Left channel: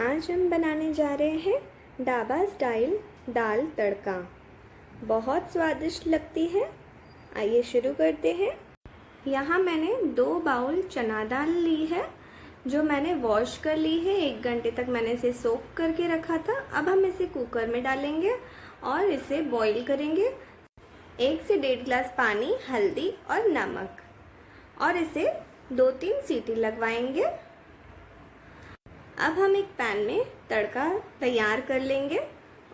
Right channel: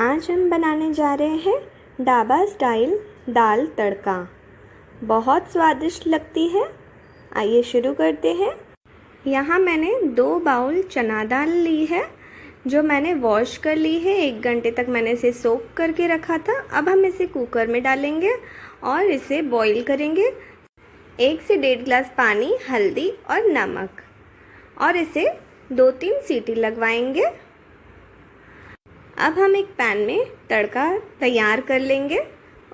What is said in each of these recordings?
आज हम बनाने जा रहे हैं ढाबा स्टाइल दाल तड़का। बहुत स्वादिष्ट लगती है। आइए शुरू करते हैं। यहाँ मैंने 2 बाउल चना दाल ली है जो मैंने वॉश कर ली है। 1 घंटे तक मैंने इसे सोक करके रखा था। अब हम इसे कुकर में डालेंगे और इसे बॉईल करेंगे। 1 से 1.5 गिलास पानी, हल्दी और नमक, और इसे 2-3 सीटी लगवाएंगे। अब हम एक पैन में तड़का तैयार कर लेंगे।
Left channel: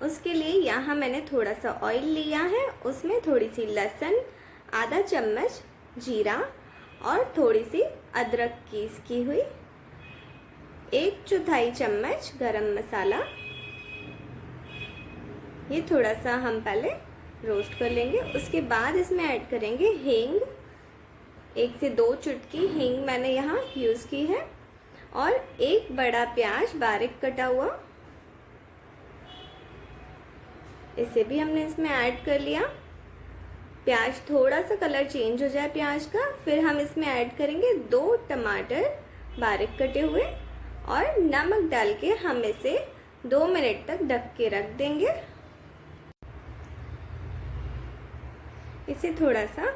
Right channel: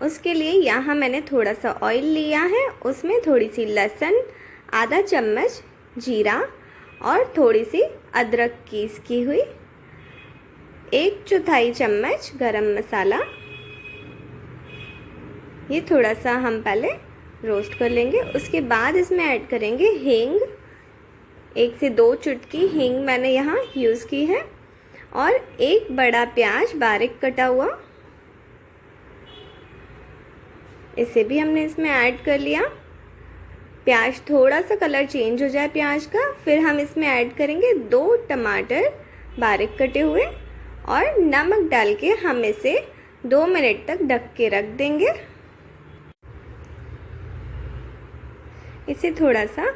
उसके लिए यहाँ मैंने थोड़ा सा ऑयल लिया है। उसमें थोड़ी सी लहसुन, आधा चम्मच जीरा और थोड़ी सी अदरक पीस की हुई, 1/4 चम्मच गरम मसाला। ये थोड़ा सा हम पहले रोस्ट कर लेंगे। उसके बाद इसमें ऐड करेंगे हींग। 1 से 2 चुटकी हींग मैंने यहाँ यूज़ की है, और 1 बड़ा प्याज बारीक कटा हुआ, इसे भी हमने इसमें ऐड कर लिया। प्याज थोड़ा सा कलर चेंज हो जाए प्याज का, फिर हम इसमें ऐड करेंगे 2 टमाटर बारीक कटे हुए, और नमक डाल के हम इसे 2 मिनट तक ढक के रख देंगे। इसे थोड़ा सा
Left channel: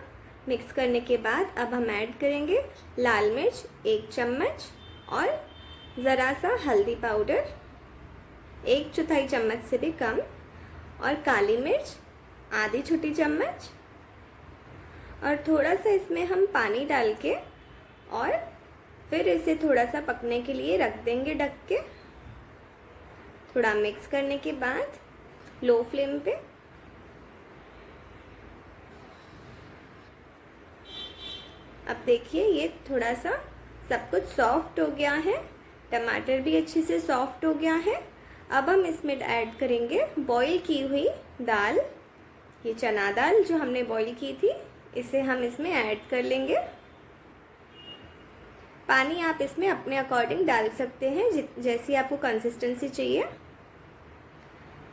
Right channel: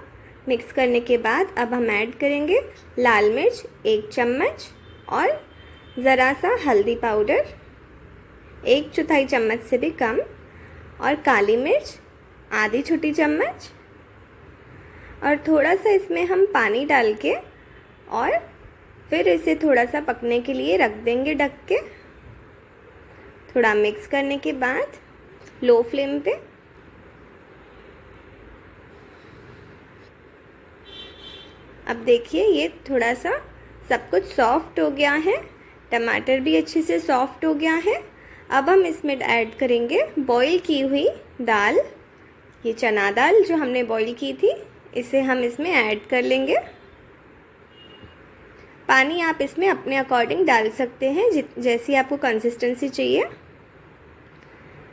मिक्स करने के बाद अब हम ऐड करेंगे लाल मिर्च 1 चम्मच और ज़रा सा हल्दी पाउडर 1/4 चम्मच से भी कम, और काली मिर्च आधी छोटी चम्मच, और थोड़ा सा इसमें हम पानी डाल के और फिर इसे थोड़ा सा पकने के लिए रख देंगे ढक के। थोड़ा मिक्स करने के बाद लो फ्लेम पे अब देखिए ये थोड़ा सा सब कुछ सॉफ्ट हो गया है। टमाटर भी अच्छे से सॉफ्ट हो गया है। अब हम इसमें ऐड करेंगे बॉईल की हुई दाल। ये चना दाल जो हमने बॉईल की थी, इसे हम इसमें ऐड कर लेंगे। पानी आप इसमें अपने अकॉर्डिंग डाल सकते हैं, जैसी आपको कंसिस्टेंसी चाहिए।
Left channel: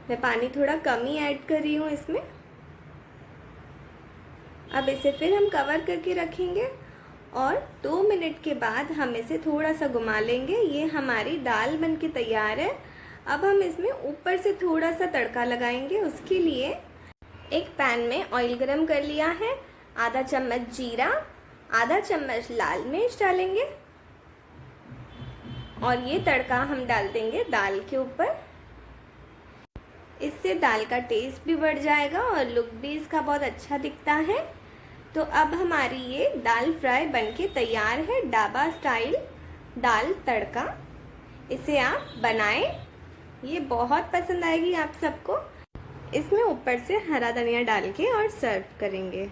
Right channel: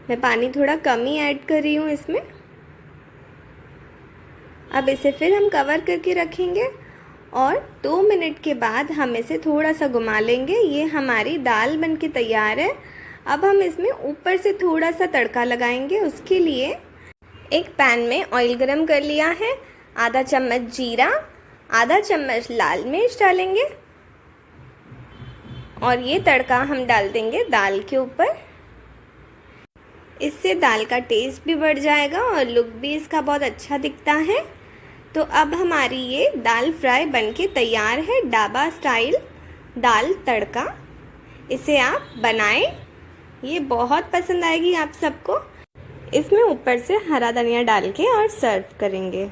मैं पानी थोड़ा कम ही ऐड कर रही हूँ इसमें। अब इसे फिर हम कवर करके रखेंगे और 2 मिनट के बाद हम इसे थोड़ा सा घुमा लेंगे। ये हमारी दाल बनके तैयार है। अब हम इसमें ऊपर से थोड़ा सा तड़का लगाएंगे। उसके लिए एक पैन में ऑयल गरम कर लिया है। आधा चम्मच जीरा, आधा चम्मच लाल मिर्च डालेंगे, और ये तड़का हम डाल देंगे दाल के ऊपर। इससे दाल का टेस्ट भी बढ़ जाएगा और लुक भी इसका बहुत अच्छा दिखता है। तो अब हमारी ये दाल फ्राई बनके तैयार है, ढाबा स्टाइल दाल तड़का। इसे आप बनाएं, ये बहुत पसंद आएगी आप सबको। इसमें ऊपर से हरा धनिया डाल के और सर्व करेंगे।